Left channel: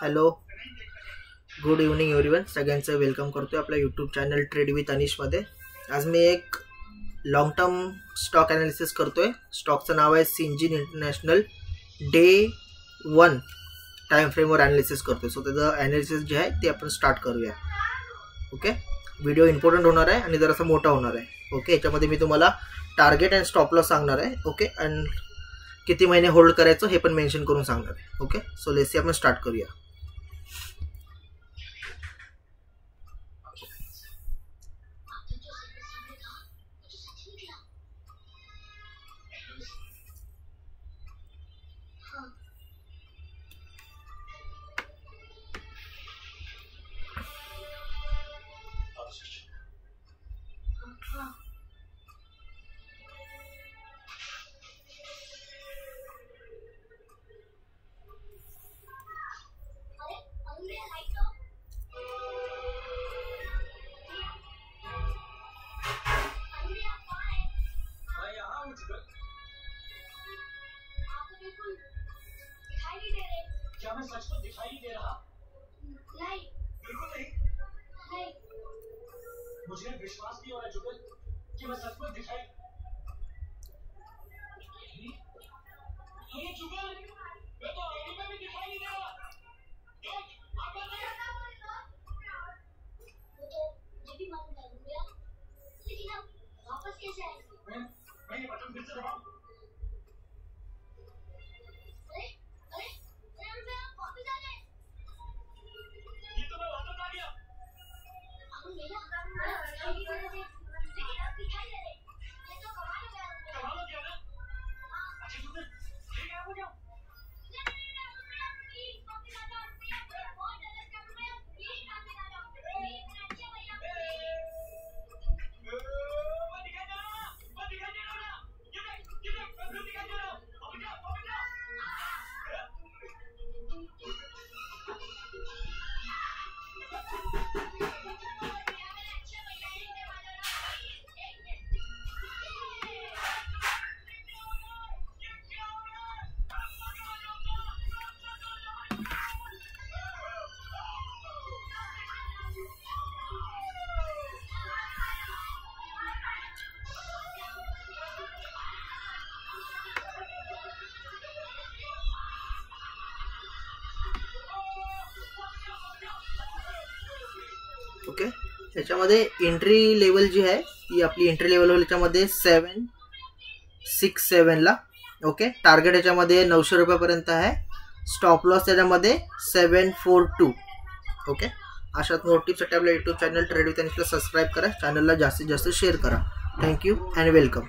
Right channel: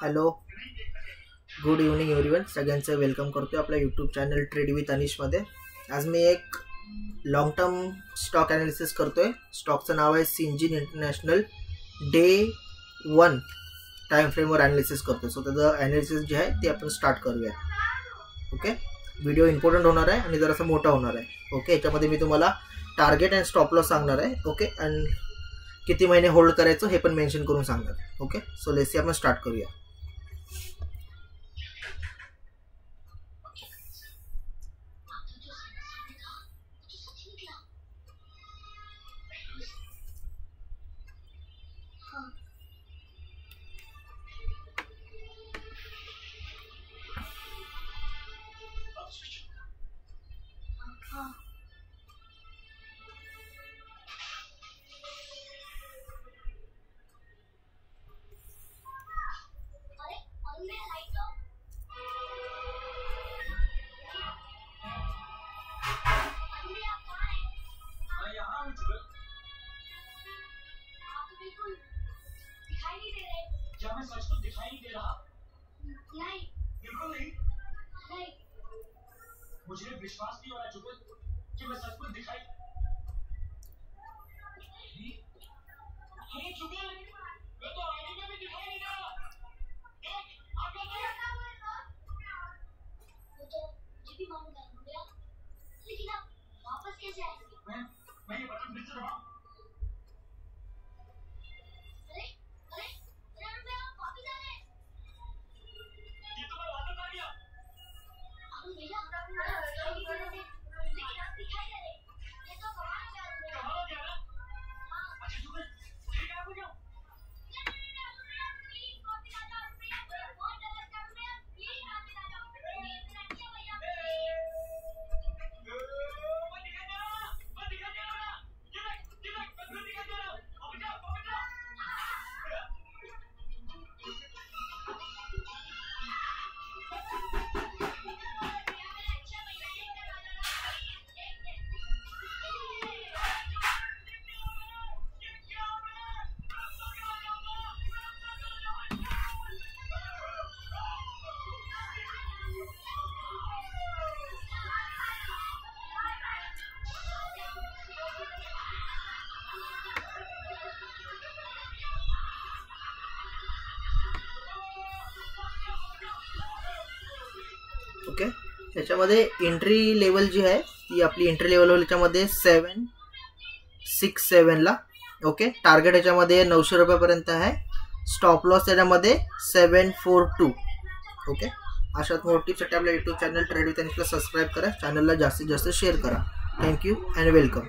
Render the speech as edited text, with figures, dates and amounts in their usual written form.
Hello, good evening everyone. सगळ्यांचं वेलकम करतोय आपल्या यूट्यूब चॅनल ट्रेड विथ अनिशमध्ये. आज मी एक लॉंग टर्म स्टॉक ॲनालिसिस करतोय. स्टॉकचं नाव आहे सिंजीन इंटरनॅशनल. डे 1 टाइम फ्रेमवर ॲनालिसिस करतोय. सो त्याचं ॲनालिसिस जे आहे ते आपण स्टार्ट करूया. ओके, व्हिडिओ इम्पॉर्टंट होणार आहे आणि जरासा मोठा होणार आहे. ओके, याच्यामध्ये मी तुम्हाला टार्गेट अँड स्टॉप लॉस सांगणार आहे. ओके, अँड किती महिने होल्ड करायचं हे पण मेन्शन करून सांगणार आहे. ओके, सो लेट्स सी आपण स्टार्ट करूया. क्या मैं सच में दिखाई नहीं दे रहा? नहीं, बिल्कुल नहीं। नहीं, मुझे विश्वास नहीं हो रहा जुगल कि मैं सच में दिखाई। अरे जुगल, मैं तो आईने में भी दिखाई नहीं दे रहा। देख, आप क्या कर रहे हो? वो तो जब भी मन कर गया, लेकिन अब वापस कैसे आएंगे? मैं ये बटन फिर से दबाऊं? ओके, ह्याच्यामध्ये एंट्री लेवल जी आहे ती आपली एंट्री लेवल ह्याच्यामध्ये 767 ला. ओके, टार्गेट ह्याच्यामध्ये 900 रुपयापर्यंत आहे. स्टॉप लॉस त्याच्यामध्ये 742. ओके, अशाच मोर टिप्ससाठी आपल्या यूट्यूब चॅनल ट्रेड विथ अनिशला सबस्क्राईब करा. चॅनलला जास्तीत जास्त शेअर करा. Thank you and welcome.